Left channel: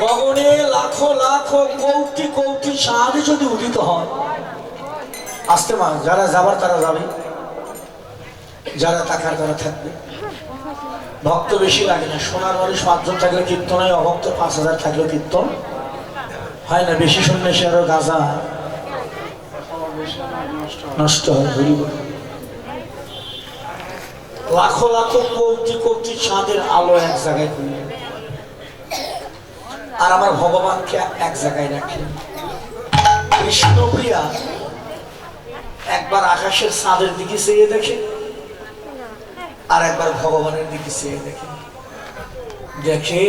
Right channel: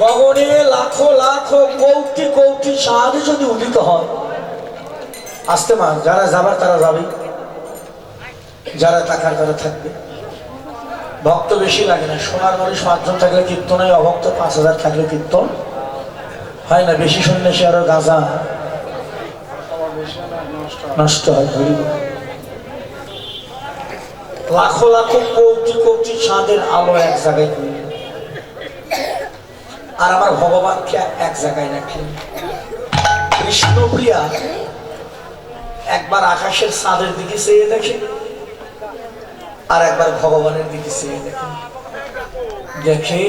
গগনে লাখো লাখো কৌটি কৌটি সাহায্য যদি উদিত হয়, আসতে মা, যারা যাবার তারা যাবে যারা থাকার তারা থাকবে ভক্ত বেশি লাগে না, সোনার মানুষ পাঁচজন থাকলে কীর্তন হয়, অভক্ত পাঁচ হাজার থাকলে কীর্তন হয় না, বেশি শুনলে সে আরও গাঁজা নষ্ট হয়। লাখো লাখো কোটি কোটি চাঁদের আলো এক জায়গায়। আর আমার ভগবানকে এক জায়গায় রাখলেন কৃষ্ণপ্রিয়া একবার আকাশের চাঁদের দিকে চেয়ে দেখে, আর একবার ভগবানের দিকে চেয়ে দেখে। দেখে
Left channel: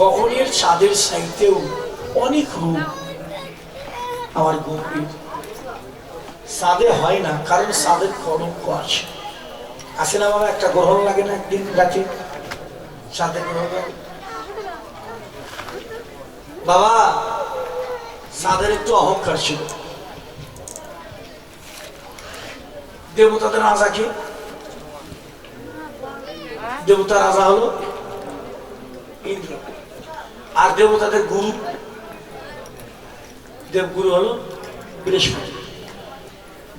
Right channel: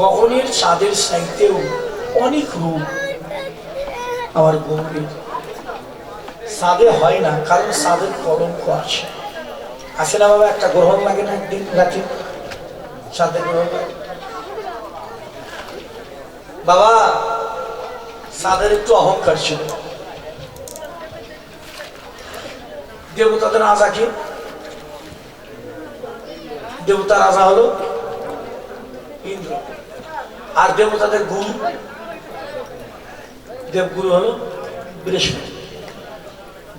গগনের চাঁদের সাইতেও অনেক রূপ আমার গম্ভীর। সাদে হয় না, কারণ সাদের কলঙ্ক আছে। আছে না বাবা, একটা গ্রহণ লাগে না, একদিন রাতে সাদে গ্রহণ লাগে। বাবা সাদের একটু অহংকার ছিল। দেবতাদের রাজা কি? দেবতা রাজা হলো ইন্দ্র। আর দেবতাদের গুরু, দেবগুরু হলো বৃহস্পতি।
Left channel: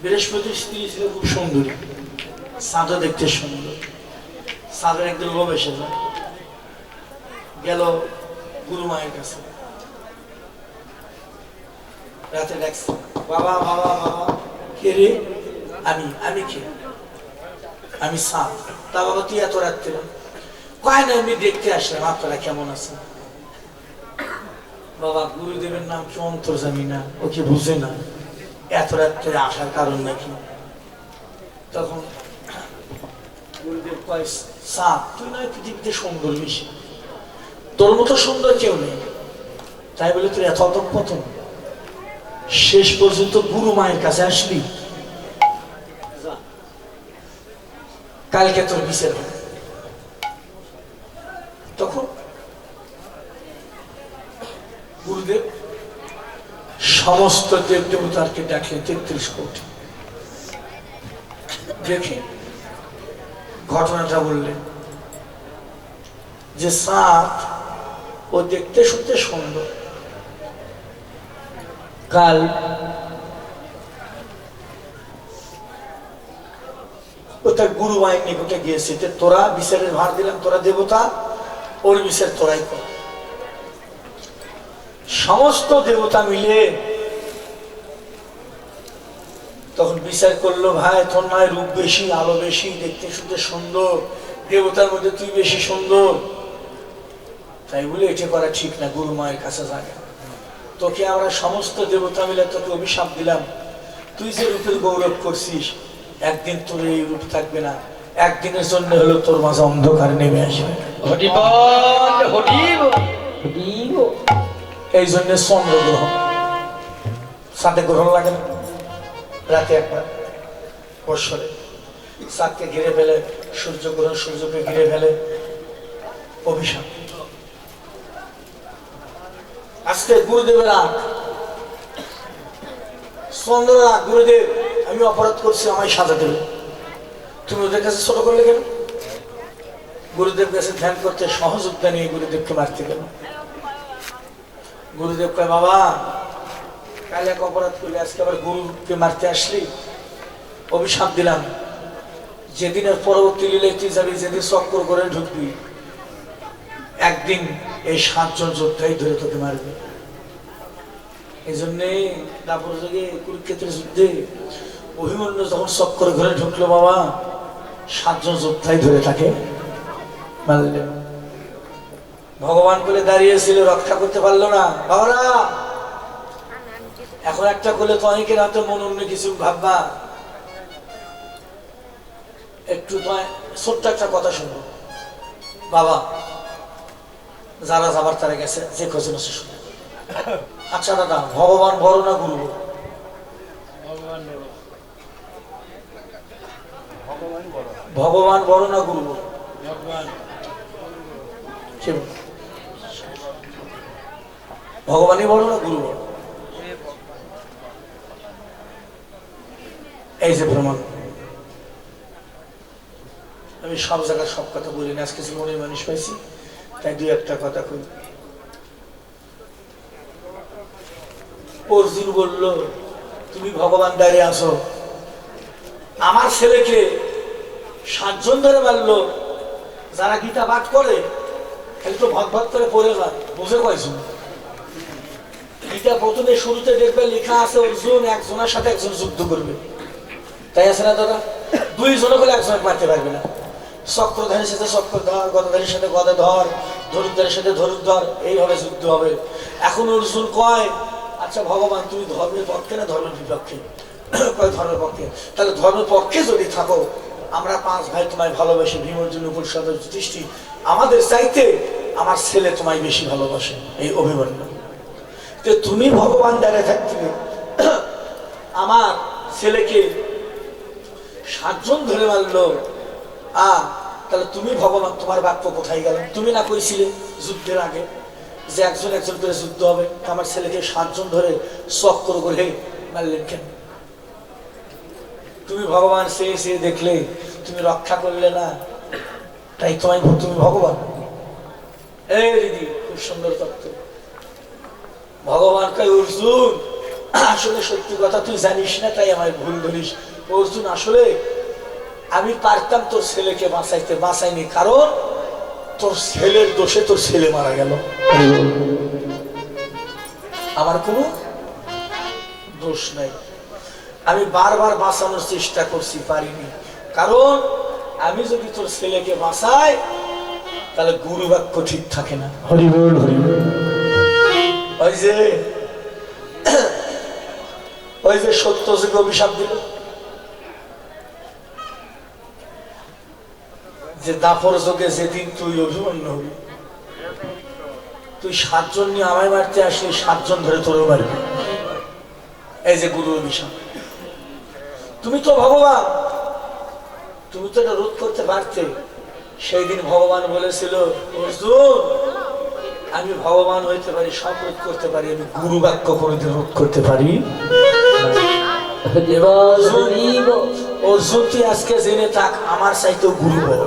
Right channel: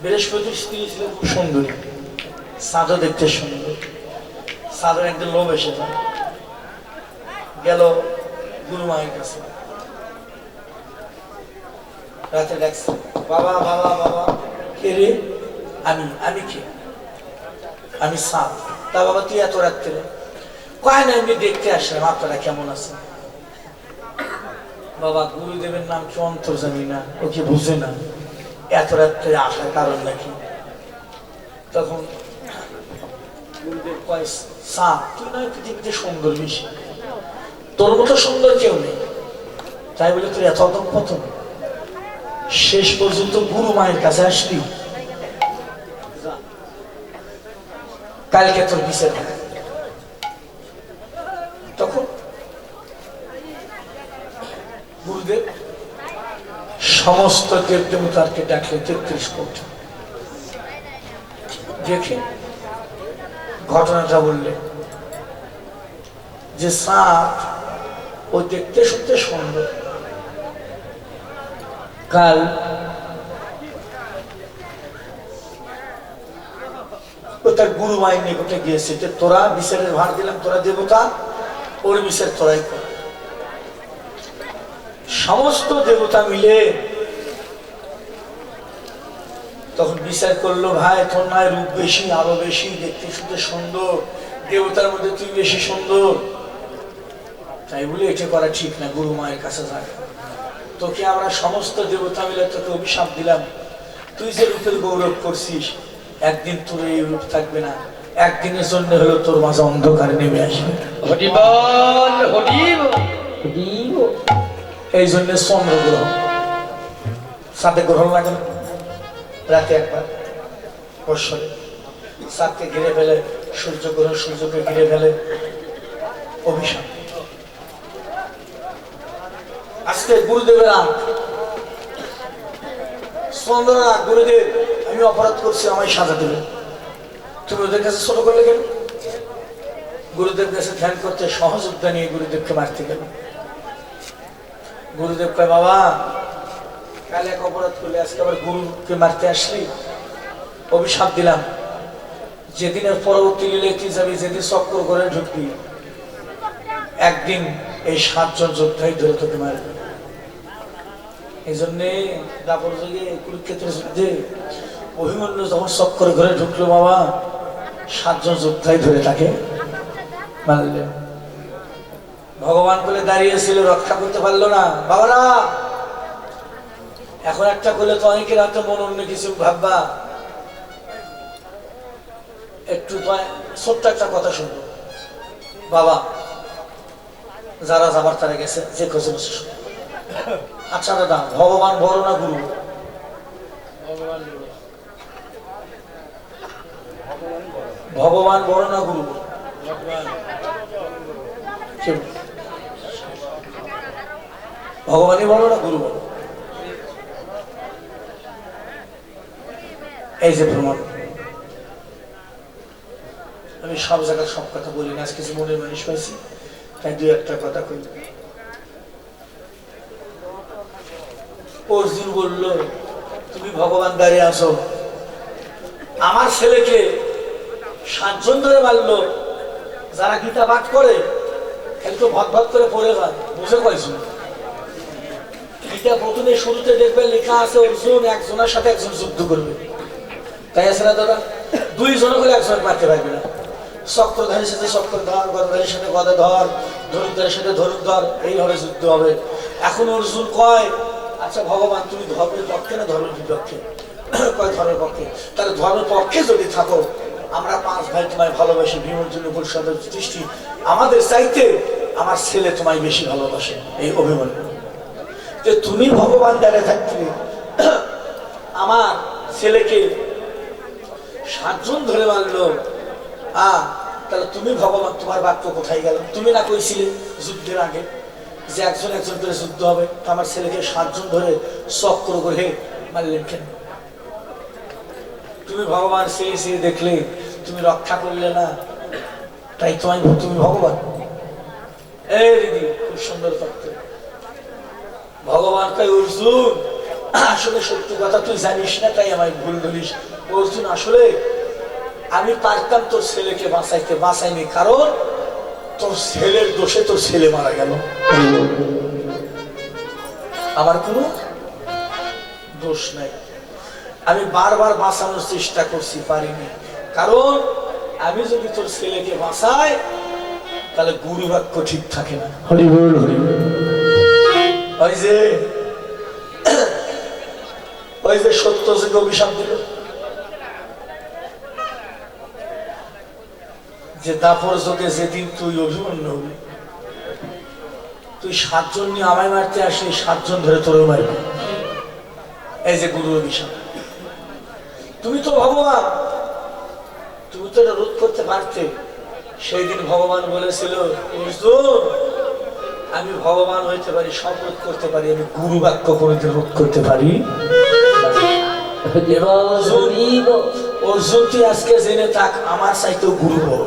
বৃহস্পতির স্ত্রী ছিল খুব সুন্দরী। সাধু দেখতে সুন্দর। সাধুর একদিন লোভ এসে গেল গুরু মায়ের কাছে। রাতে ডাকছে বাবা বাবা বাবা, কে রে? আমি আমি কে? আমি সাপ। তা বাবা, তুই এত রাত্রে? কয় না এমনি দেখতে আসলাম, আপনারা কেমন আছেন? বাবা, গুরুদেবের নাম কি অন্তর্জামী না, ও কি বুঝে না, এত রাত্রে আসার কারণ নাকি? তখন গুরুদেব কয়, সাপ, তুই নয় পৃথিবীতে সুন্দর বেশি। তোর মতো সুন্দর কেউ নেই। তাই বলে, তুই এত অধপতন শেষ পর্যন্ত গুরু মায়ের কাছে আসবি। কালকে তোর বিচার তখন গুরুদেব সমস্ত দেব দেবতারকে ডাকলে তেত্রিশ কোটি। দেখে ঘটনাটা বললে যে সাপ ও দেখতে শুনতে সুন্দর। কাল ও তার গুরু মায়ের নিকটে গিয়েছে। যে তোরা বিচারের ভার দিলাম, তোরা দেবতা, ওর বিচার তোরাই কর। সমস্ত দেবতা মিলে তখন বিচার করল, ভাই, তোর নয় রূপ বেশি, আলো বেশি, দেখতে শুনতে সুন্দর, দেবতার মধ্যে তুই বেশি সুন্দর। তাই বলে এটা করা ঠিক না, গুরু মায়ের কাছে যায় তোকে আমরা সমস্ত দেবতা মিলে তোকে অভিশাপ দিলাম। তুই যে রূপের গৌরব করছিস একদিন তোর এই রূপ থাকবে না। একদিনের জন্য হলো তোর মাঝে অন্ধকার নেমে আসবে। এই জন্য চন্দ্র গ্রহণ সাথে গ্রহণ লাগে না। রাতে একবার। বৎসরে। চাঁদকে ঘিরে ফেলে সূর্য গ্রহণ সূর্যকে ঘিরে ফেলে। অভিশাপ। আজকে গুরুদেবের চন্দ্র গুরুদেব, আমি অপরাধ করছি, আমায় সাজা দেবে তুমি ওদের কাছে ছোট করলে কেন? গুরুদেব কাছে ধ্যান করতে সহযোগিতা নিয়ে গুরুদেবকে মারতে গেল। গুরুদেব কয়, বাবা, কাল এক অপরাধ করলে আজকে আবার গুরুকে মারতে আসলি? অভিশাপ দিলাম। যেদিনের পরবর্তী লীলে তুই যাবি, যেদিন চক্র করে ঢুকবি, একদিন এই সাতজন যোদ্ধাই ধরে তোকে মারবে এই জন্যে দাপর যুগে কুরুক্ষেত্রের যুদ্ধে অভিমন্যু যখন চক্র ঘরে ঢুকলো বাবা, সাতজন যোদ্ধাই ধরে তাকে ভগবান বলে দাঁড়িয়েছিল রক্ষা করতে পারল না। বাবারা, এখন একটা করলে তো অনেকের হাতে মন, অন্য কিছু ভাববা। একটু ছোট্ট একটা কথা শুনব। বাবা যারা যাবার তারা গেছে, যে খোঁজেন আচ্ছা দাদা, ভগবান বড় না গুরু? ভগবান বড় না গুরু? ভগবানই বড় না গুরু? এই যে ভ্রমণ। আমি সব জায়গায় সব কথা বলি না আজ কিছু মনের মানুষ পাইছি একটা কথা কই পরদিন বলল, তুমি ভগবান দাঁড়িয়ে আসো আমার ছেলেকে সাতজন ধরে মারল। যারা গীতা বাদ করে, একটু ভদভদ করে পড়ে যায়। বুঝে পাইছো? গীতা প্রথমে শুরুতে দেখবে লেখা আছে, অর্জুন একজনের সাথে একজন যুদ্ধ করবে। তাই আছে না দাদা? দুইজনে বলে একজনের মারতে পারবে না। চক্রধারের সাথে চক্রধর গদাধারের সাথে গদাধর ধনুকধারের সাথে ধনুকধর এইভাবে যুদ্ধ হবে। এখন অর্জুন কয়? আচ্ছা ভগবান, তুমি ধর্মের পক্ষে না ধর্মের বিপক্ষে? কয় ধর্মের পক্ষে? তাহলে ধর্মের পক্ষে যদি থাকো, আমরা পাঁচ ভাই তোমায় ভালোবাসি ভীমর্জুন পরিষদ দৃষ্টি আমাদের চাইতে আমার ছেলে তোমায় বেশি ভালোবাসে, এই অভিমন্যু যে তুমি ভগবান দাঁড়িয়ে থাকতে, আমার ছেলেকে সাতজন ধরে মারলো আ, তাহলে তুমি ভগবান তোমার বাক্য কোথায় গেল? তুমি না কইছিলে যুদ্ধের আগে যে একজন একজন করে যুদ্ধ হবে, আমার ছেলেকে সাতজন ধরে চক্র করে মারলেন কেন? তুমি ভগবান সেই সেই দেখলে, তুমি রক্ষা করলে না, তাই তোমায় তুমি ভগবান? এই দিদি, খুব সুন্দর তত্ত্ব। ভগবান কয়, অর্জুন, আসলে সত্যি কথা তুই জানিস না, তাই আমায় ভুল ধরিস। অর্জুন, আসলে আমি পারতাম তোর ছেলেকে বাঁচাইতে বাঁচাইনি কারণ তোর ছেলের দোষে তোর ছেলে মারা গেল। আমার কোনো দোষ নাই। আমি বারবার বাঁচানোর চেষ্টা করছি পারিনি। কারণ আমি যদি তোর ছেলেকে বাঁচাই তাহলে গুরু বাক্য ঠিক থাকে না। হরি বল হরি ওই যে ওই যে সত্য যে অভিশাপ দিল। যে দাপর যোগে যেদিন তুই অভিমন্যু হবি তুই সাতজন নিয়ে আমায় মারতে আসলে সাতজন ধরে তোরেও মারবি। এই যে গুরু অভিশাপ তুমি তো ভগবান। তুমি তো এটা রোধ করতে পারতে। সেই দিন ভগবান বলেছিল আমি ভগবান হইতে পারি সব রোধ করতে পারি আমি গুরু বাক্য কোনোদিন রোধ করতে পারি অর্জুন তুই আজকে জেনে থাক আমার চাইতেও গুরু বড়।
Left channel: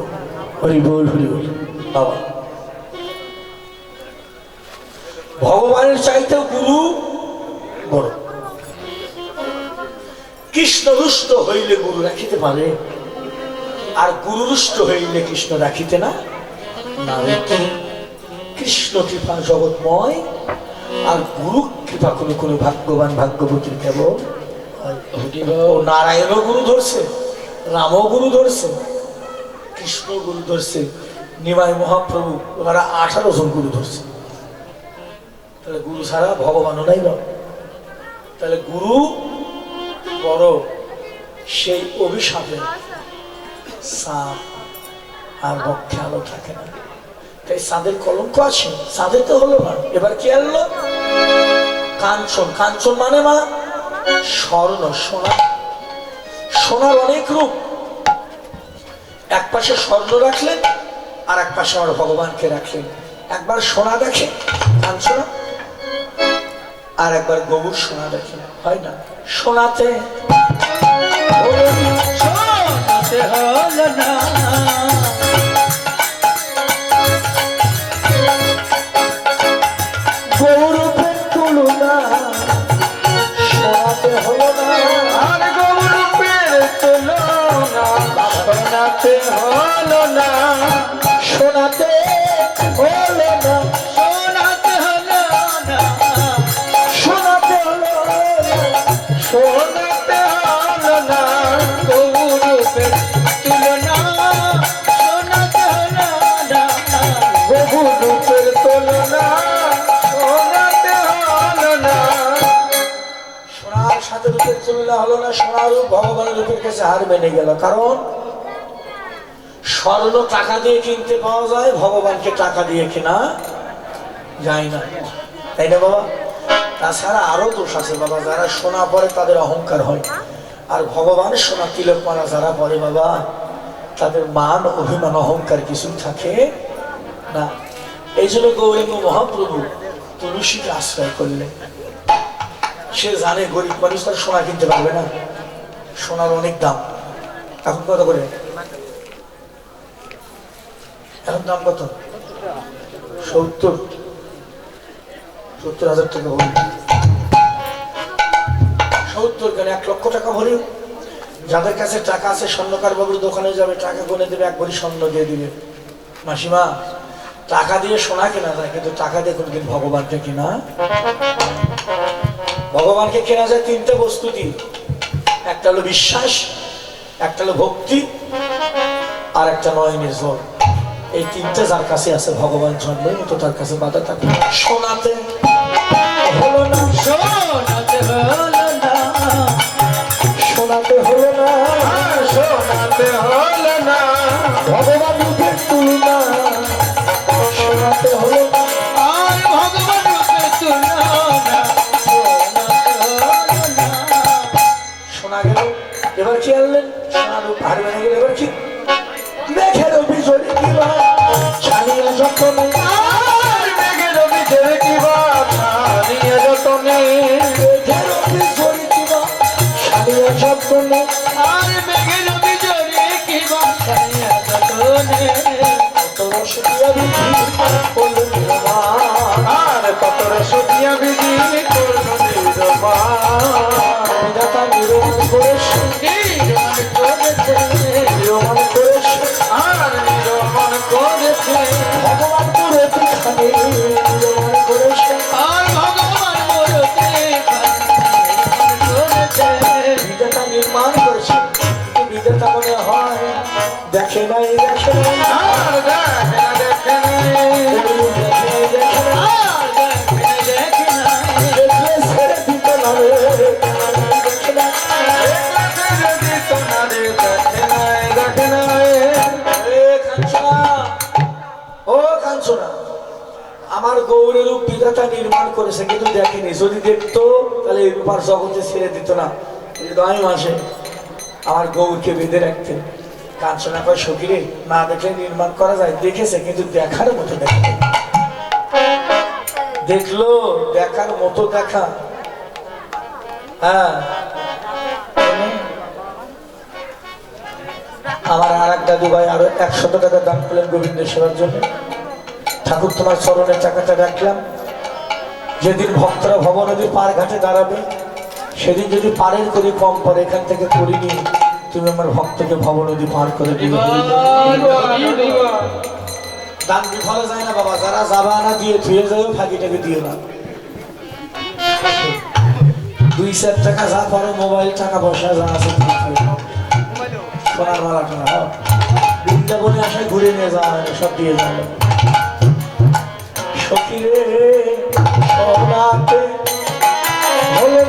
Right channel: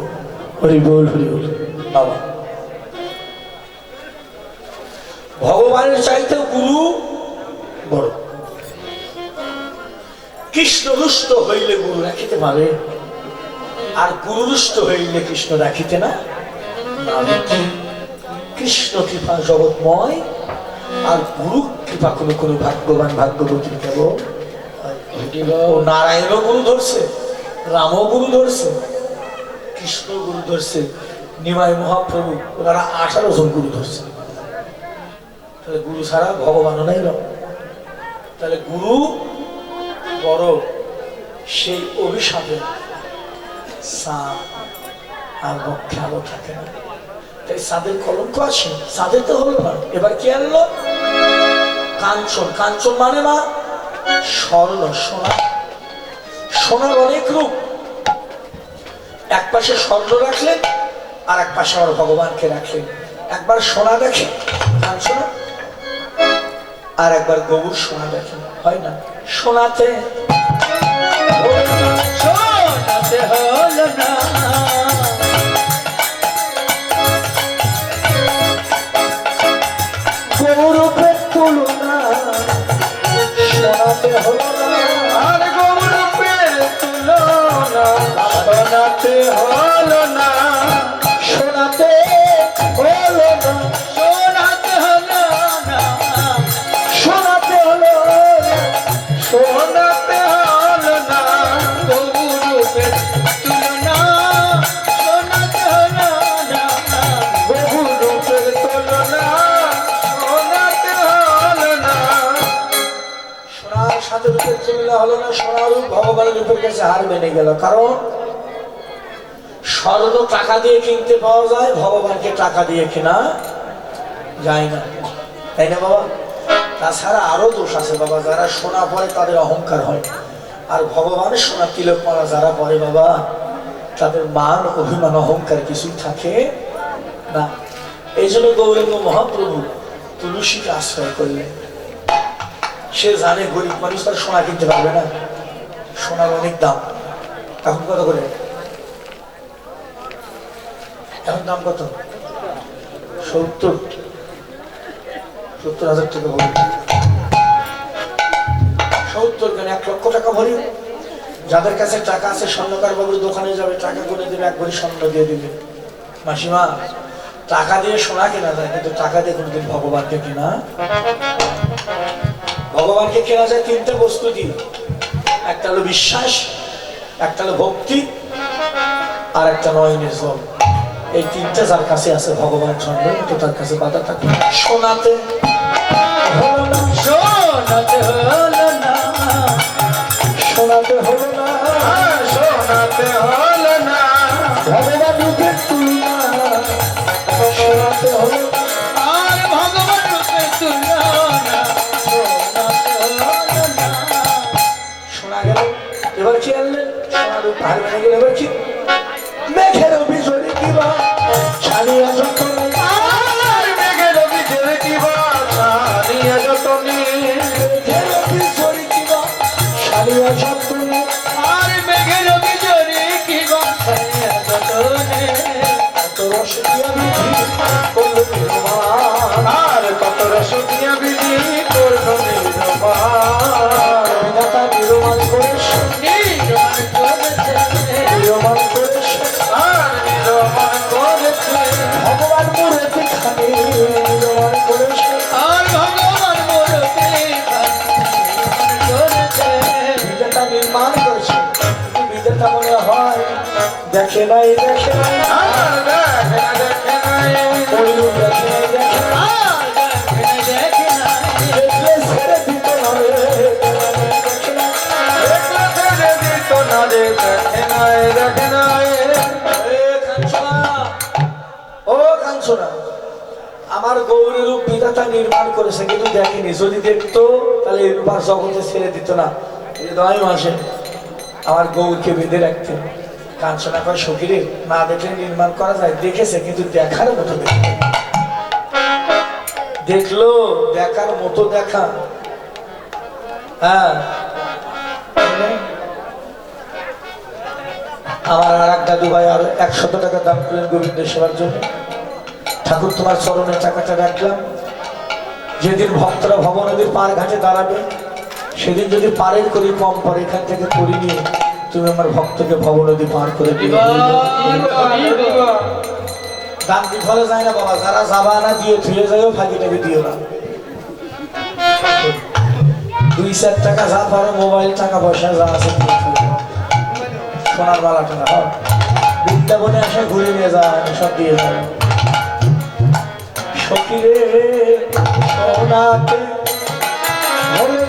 ভগবানের চাইতেও গুরু বড়। কৃষ্ণ রুষ্ট হইলে গুরু রাখিতে পারে, আর গুরু রুষ্ট হইলে কৃষ্ণ রাখিতে না কৃষ্ণ কৃপা জগৎময়, আর গুরু কৃপা কোনো কোনো ভাগ্যবান ভাগ্যবতী কেবল নারায়ণও গুরু ধরছে, রামও গুরু ধরছে। কৃষ্ণ গুরু ধরছে, নিমাই মহাপ্রভু, ওনারা আঠারো জন গুরু ধরছে। তাহলে গুরু ছাড়া ভগবানও নাই না তাহলে গুরু বড়, সেই অভিশাপে আর বক্ষে আলো থাকে না। তাই সাদের কলঙ্ক আছে সাদের তো হলো না এবার কি আনলো? কাঞ্চন। কাঞ্চন মানে মা? স্বর্ণ, সোনা। সোনার অনেক রূপ। এক পাশে স্বর্ণ রাখলেন আর এক পাশে আমার ভগবানকে রাখলেন। একবার সোনা দেখে কাঞ্চন আর একবার গোবর সোনা দেখে। হয় না? সোনাতে না সোনার রূপ ভগবানের রূপের কাছে হার মেনে গেল। কারণ স্বর্ণ টাকা দিয়ে কিনতে পাওয়া যায়, ভগবানকে টাকা দিয়ে কেনা যায় না। তাই না বাবা? তাছাড়া আরও দোষ আছে বাবা, যারা সোনা পরে তাদের অহংকার হয়। আর ভগবানের সোনা তিলক মালা যারা পরে বাবা, তাদের মান, অভিমান, অহংকার কিছুই থাকে না। এই জন্য গৌরঙ্গ মহাপ্রভু তুলসীকে আশ্রয় করলেন। সে জানে গরিব মানুষ তার সোনা কিনতে পারবে না। সোনার অনেক দাম। এখন কত করে? এখন দাম কত? সত্তর। সত্তর হাজার টাকা বলি উত্তর কেন? এক লক্ষ টাকা ভরি। যাদের কাছে টাকা আছে, স্বর্ণকার বাবুর দোকানে যাবে, টাকা গুনে দেবে, এক ভরি স্বর্ণ দিয়ে দিবে। মাসিমা, টাকা দিয়ে সোনা কেনা যায়, কিন্তু টাকা দিয়ে কোনদিন ভগবানকে কেনা? ভগবানকে কেনা যায় তিনটে বস্তু দিয়ে। একটা হলো বিশ্বাস, একটা হলো ভক্তি, আর একটা নয় নিজ এই তিনটা যার কাছে আছে ভগবান জন্মই, তো তার কাছে বাধা থাকে শোনাতে এবার কি আনলেন সোনা রূপ ভেঙে গেল এবার কি মেঘের ভিতরে কি কিবা ছাড়িয়া যখন কত রসিয়া কাঞ্চনা, ও কাঞ্চনা, আমার গৌরের বিধাতা নির্মাণ করেছে কিন্তু দেখেনি। যদি দেখতো তাহলে এই রূপার জগতে ছেড়ে দিত না। হৃদয় মাসে আমার গৌরকে বেঁধে রাখতে। কাঞ্চনা কয় না দেখলে নির্মাণ করা যায়? দেখেছে, কিন্তু দেখার মতো দেখে দেখল, দেখার মতো দেখা। হ্যাঁ। আমার আর এক দাদু আরও একশত টাকা দান করলেন গোবিন্দের সেবার জন্য। ঠাকুর তোমার চরণের টাকাটা রাখলাম। যেদিন ভক্তরা ভব নদীর পার ঘাটে দাঁড়াবে, সেদিন যদি পারের করি কম পরে এখান থেকে করি নিয়ে তুমি আমার ভক্তকে ভব নদী পার করে দিবে দান বিফলে যায় না বাবা? যারা যাবা না দিয়ে যায়ও ফাঁকি টেপে দিও না। দুই চার টাকা যা পারে, মোবাইল টাকা পয়সা দিও। সোনার মালা হ্যাঁ। বৃন্দাবনে আসে, ঘুরে নিয়ে হয় সব দিয়ে যাবে সখীরে সোনাতে হলো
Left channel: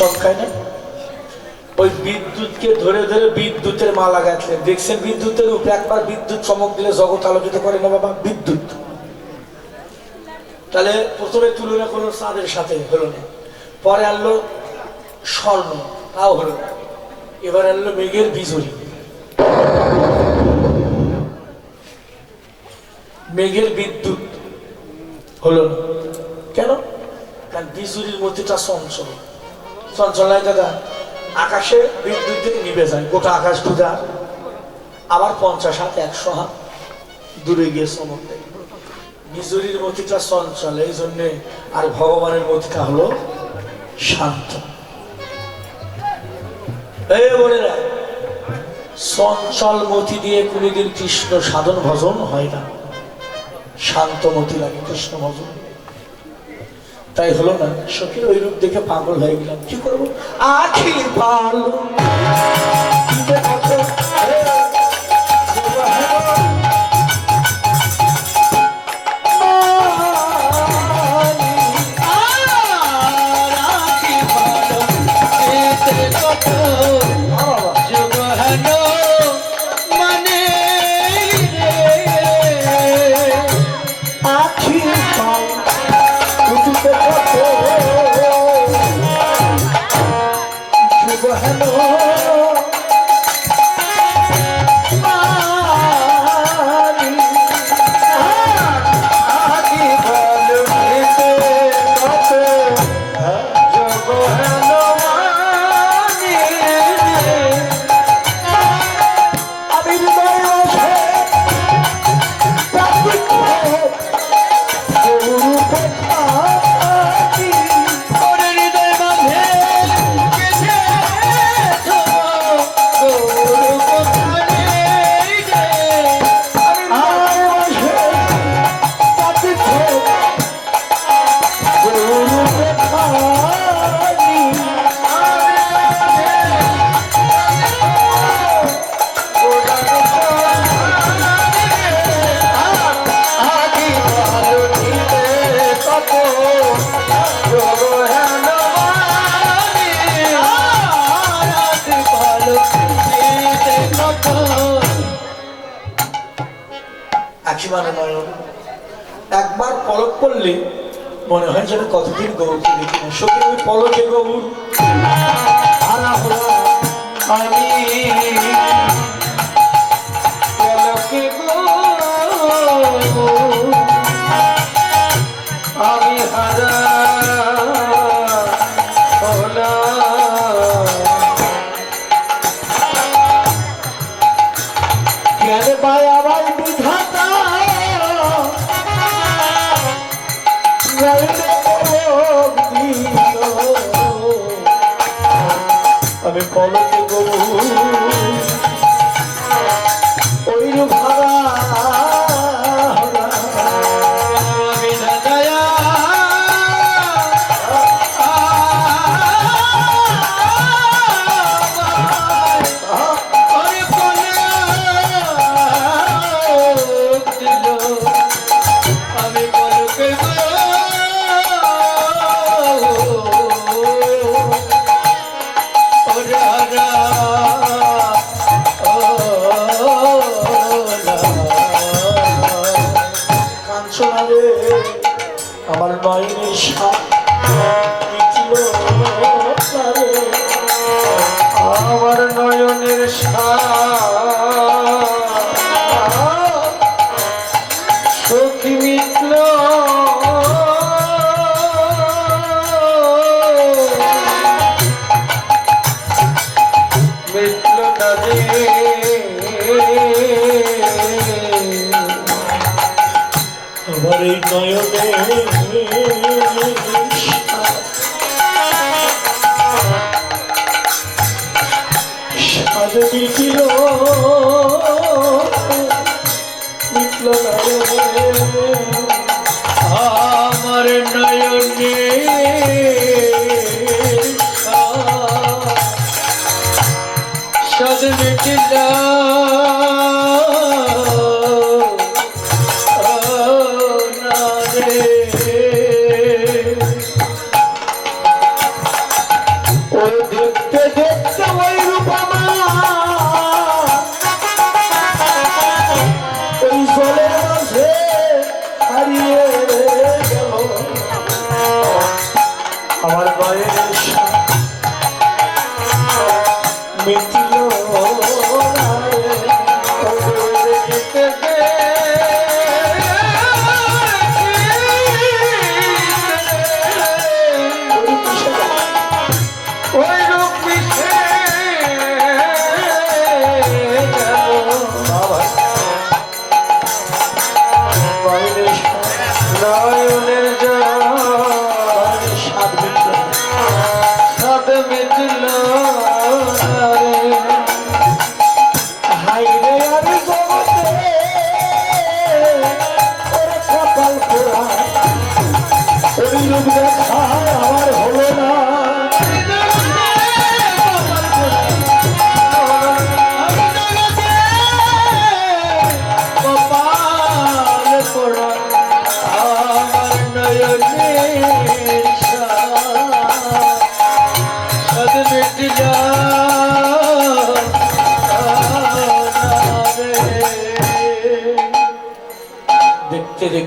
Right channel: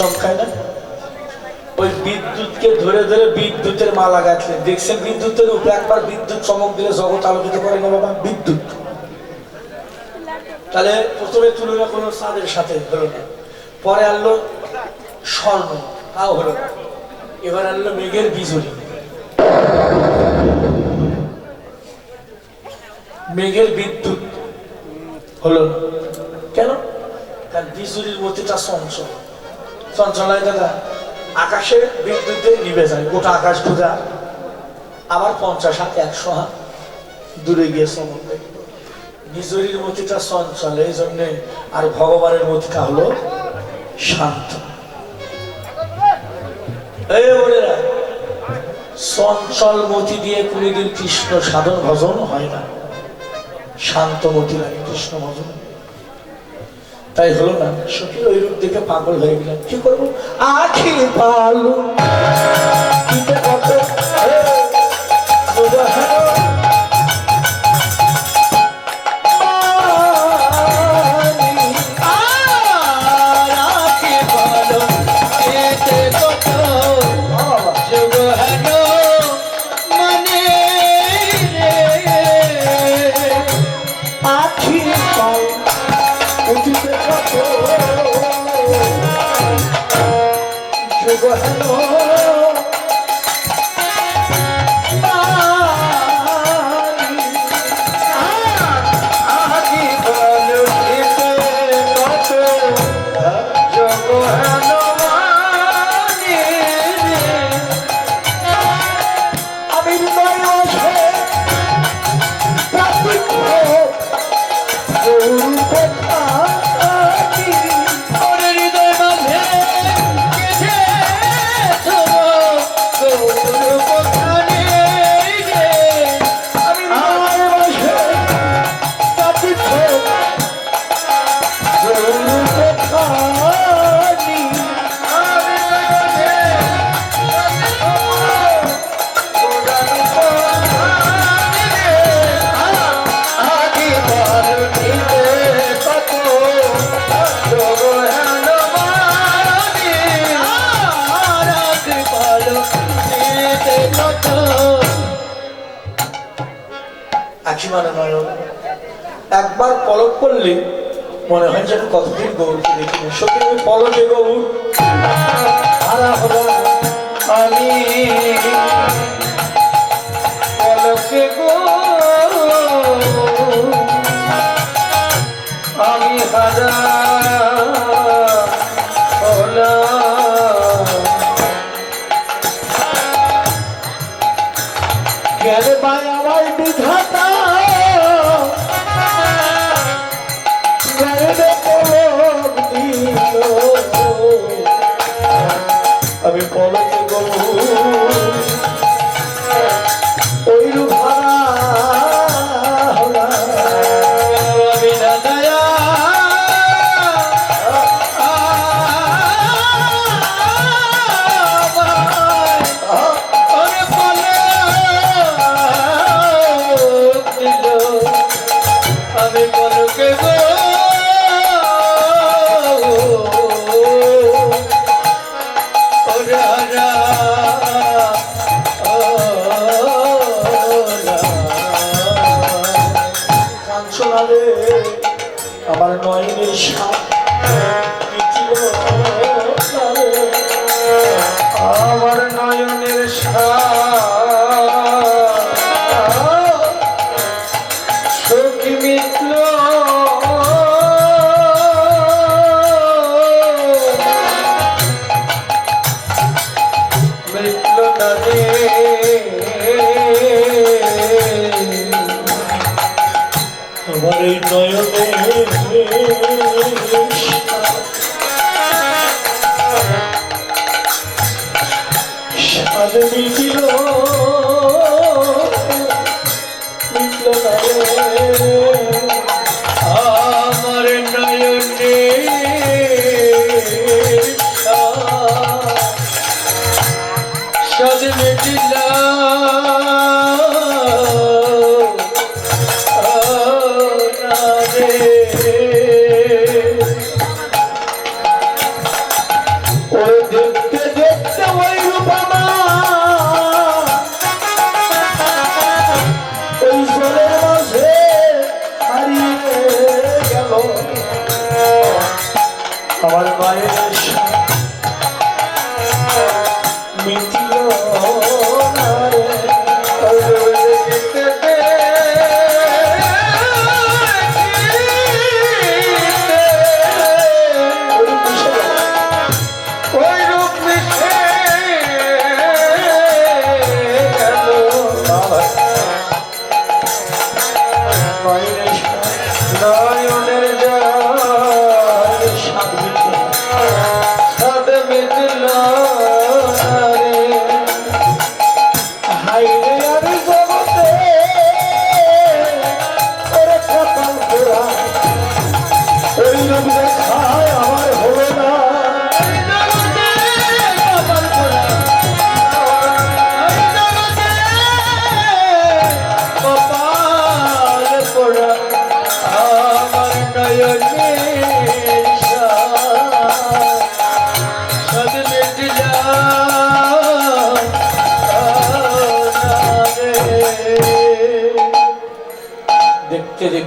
খেলে না? ওই বিদ্যুৎকে ধরে ধরে বিদ্যুতের মালা গাঁথলেন। দেখছেন বিদ্যুতের উপরে একবার বিদ্যুৎ চমক দিলে জগৎ আলোকিত করে না বাবা? বিদ্যুৎ। তাহলে প্রথমে তুলনা কোনো চাঁদের সাথে হলো না। পরে আনলো স্বর্ণ, তাও হলো না। এবার আনলো মেঘের বিজুলি। মেঘের বিদ্যুৎ হলো কেন? কারণ বিজুলির মধ্যেটা চঞ্চল চঞ্চলায় দাদা, আকাশে বিদ্যুৎ দিয়ে নিভে যায়, গোটা আকাশ পূজা আবার পঞ্চাশ হাত একশো হাত দূরে গিয়ে দেয়। নিজরির মতিটা চঞ্চল, এই জন্যে আর ভগবানের মতিটা হলো শান্ত। এই বোনেরা, চঞ্চল মতি দিয়ে কোনদিন কৃষ্ণ সাধন ভজন হয় না। শান্ত মতি লাগে, কৃষ্ণ ভজন। তাই হলো না? সখীর ওই রূপ দেখে পাগল হয়ে গেলাম। কি করব? আখি পালো আমি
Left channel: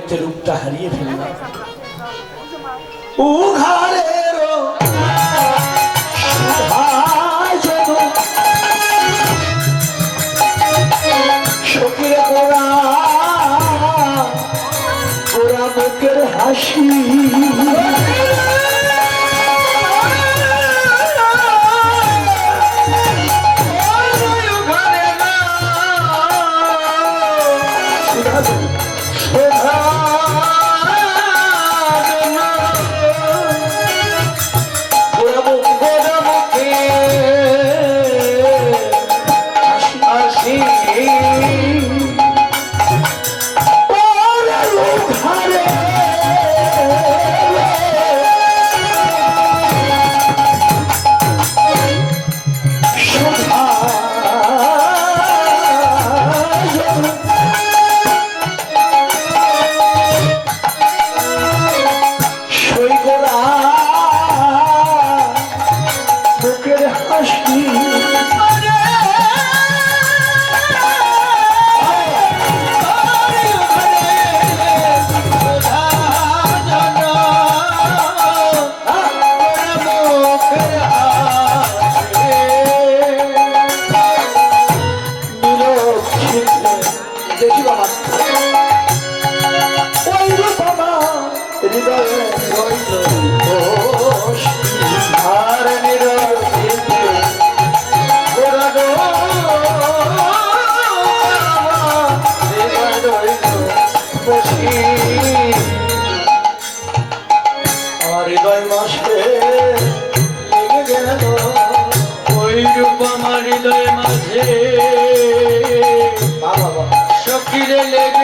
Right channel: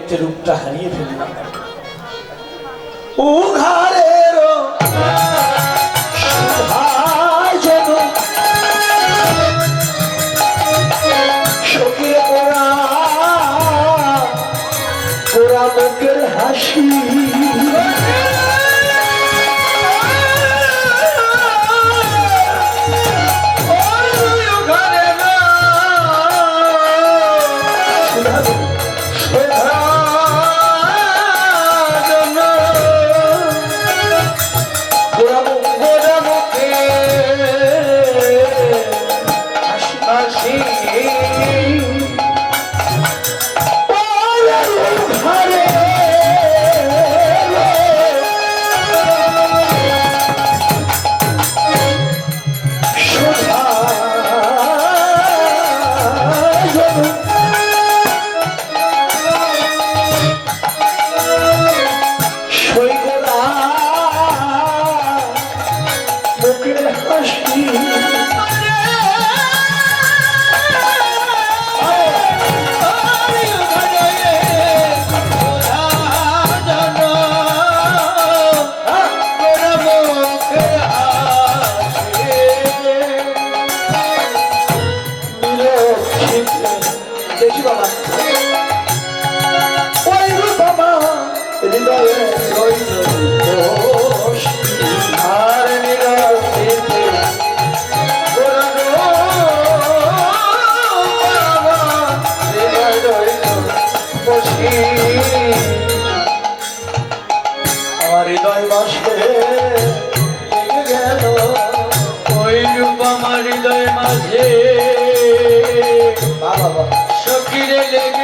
দেখতে রূপটা হারিয়ে ফেললাম। উঘারের সুধাজন বসে লেগে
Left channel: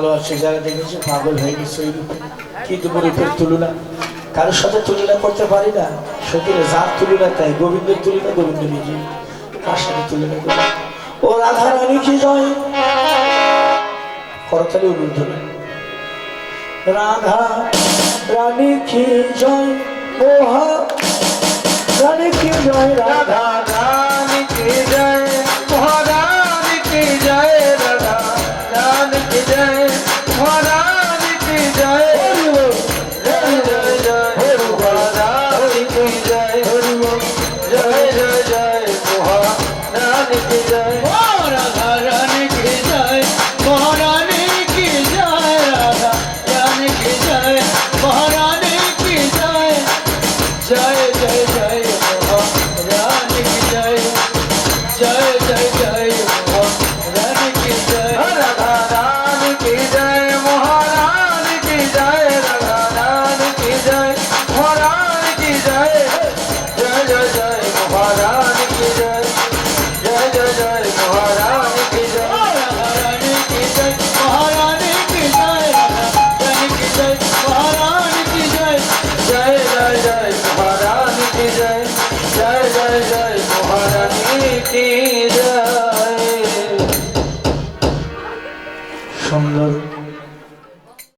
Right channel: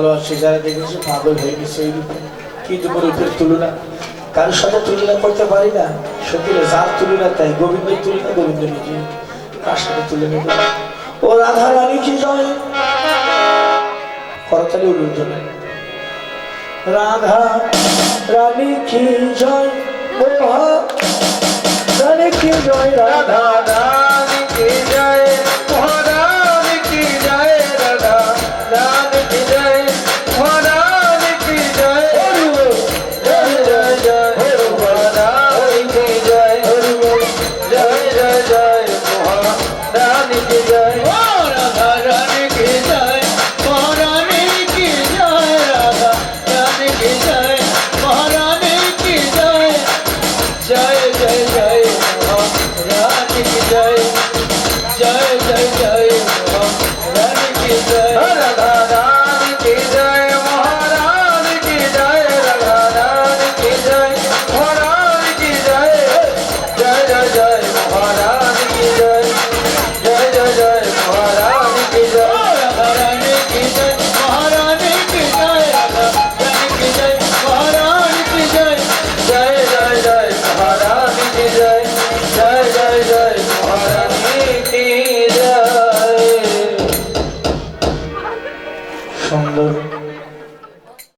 ভালোবাসে যারা দেখেছে পাগল হয়ে গেছে এই রূপে। কিন্তু রূপের তুলনা কারোর সাথে তুলনা করতে পারি না। সত্যি যার তুলনা তাই, গোবিন্দের তুলনা গোবিন্দ নিজে কার সাথে তুলনা করে? ও রাধা রানী কি জয়, করতালি জন্য রাধা রানী কি জয়, ও রানী কি জয়, রাধা